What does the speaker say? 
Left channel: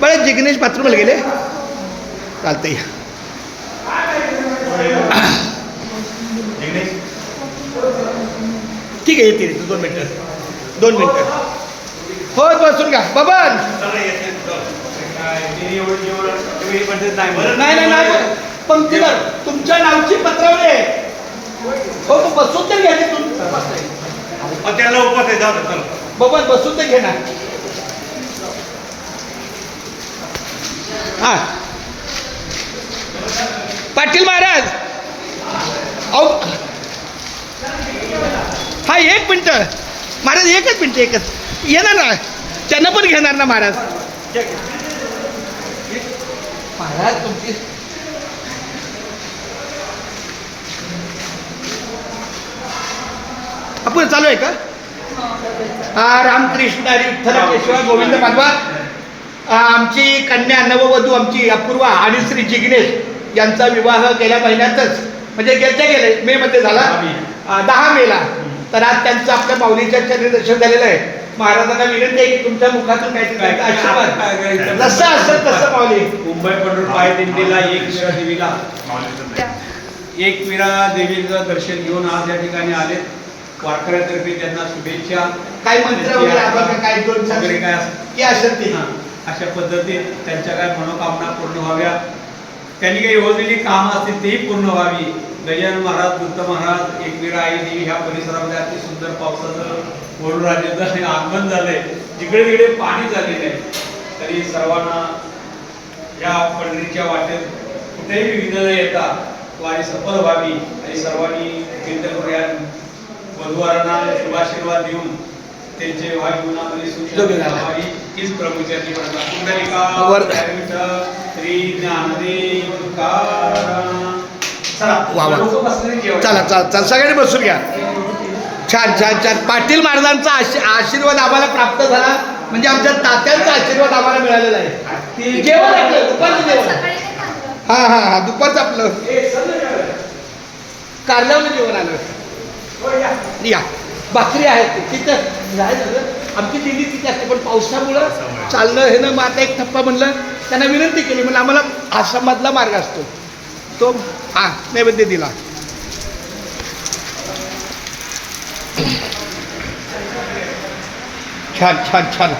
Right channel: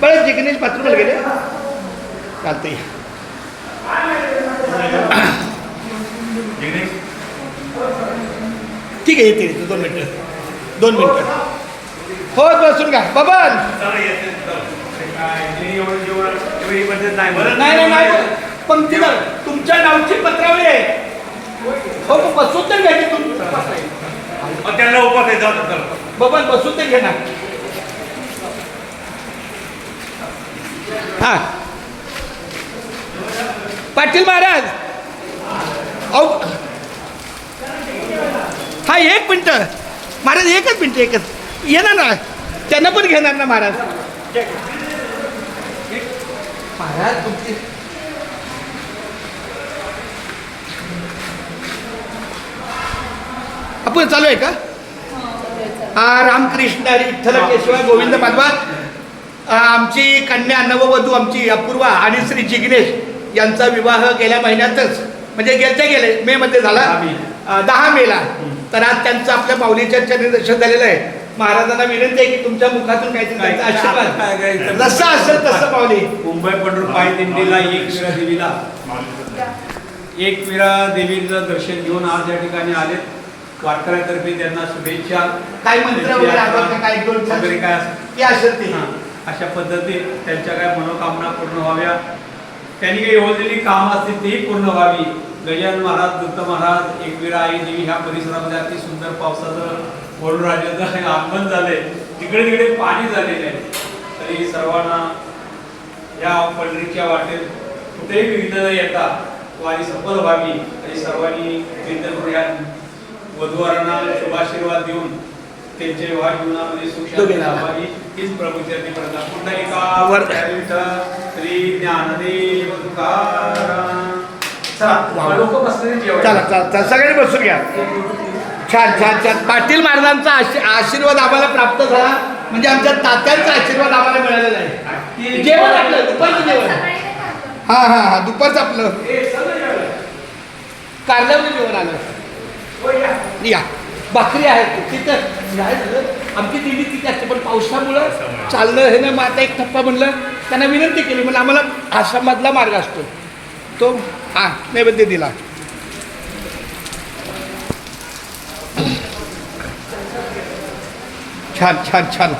बरं जिग्नेश बाथरूमला गेले चालतंय. ठीक आहे येते 2 मिनटं हो बसून घ्या बबन. नाही पंक्तीला तुमच्या नावची पत्रावळी आहे. हो बसून तर घ्या त्याला उपास आहे बबन बसून तर घे ना. हा पाटील महाराज अहो हा 1 मिनटं महाराज 1च मिनटं येणार ना त्यांना पण घेणार ना महाराज. महाराज तुमची आपण चालू आहे का? रामकृष्ण हरी विठ्ठल केशव गोविंद माधवा. आमची कन्या नववधू आमची अपूर्वा आणि श्री जिग्नेश यांचा विवाह गेल्या महिन्यातच म्हणजे गेले मे मध्ये झाला 10 मेला. तर आज त्यांचं आपल्या माऊलीच्या चरणदर्शन झालेलं आहे. महाराजांना विनंती आहे की तुमच्या मुखातून काहीतरी त्यांचा आशीर्वाद जसं असेल तसं माऊली. मुंबई पंढरपूर पायी दिंडीला एक वीरा देवीचं दर्शन घेऊन आज या ठिकाणी आले. वारकऱ्यांतर्फे त्यांना शुभेच्छा. काय मंत्र वगैरे काय 2 वगैरे काय की असेल अशा पद्धतीत त्यांच्या काय मनोकामना पूर्ण व्हाव्या. त्यांनी काही योजलेली कामं असतील तीही पूर्ण व्हावी. गजानन महाराज दत्त महाराज एकवीरा आई देवी ह्या परिसरामध्ये अति सुंदर पावसाचं वरुणराजाचं आगमन झालंय. जिकडे तिकडे पाणी झालेलं आहे. तरी सर्वांना या पंढरीच्या वाटेत कुठेही विघ्न न येता वारी सफल व्हावी आणि सर्वांनी विनंती करूया. वधूवरांना शुभाशीर्वाद देऊन त्यांच्या विवाह जीवनामध्ये सुख लाभावी हीच प्रभूच्या श्री ज्ञानदेव तुकाराम. चला सगळ्यांनी बसून घ्या. छान छान छान. पाटील महाराजांचा आशीर्वाद आम्हाला प्राप्त झाला म्हणजे आमच्या तात्यांचा आशीर्वाद आम्हाला मिळालेला आहे. जेवण आपलं दुपारचं जेवण हा दुपारचं आपलं कारल्यावलं जेवण आलं. या भाकरी आहेत तिथं आमची दिंडी तिथे असते पण पावसामुळं चाललं हे ना. मग आता एक टप्पा म्हणलं त्यांना विनंती केली म्हणलं आम्हाला आसाममधला मार्ग असतो तो नैवेद्य दिला. छान छान छान.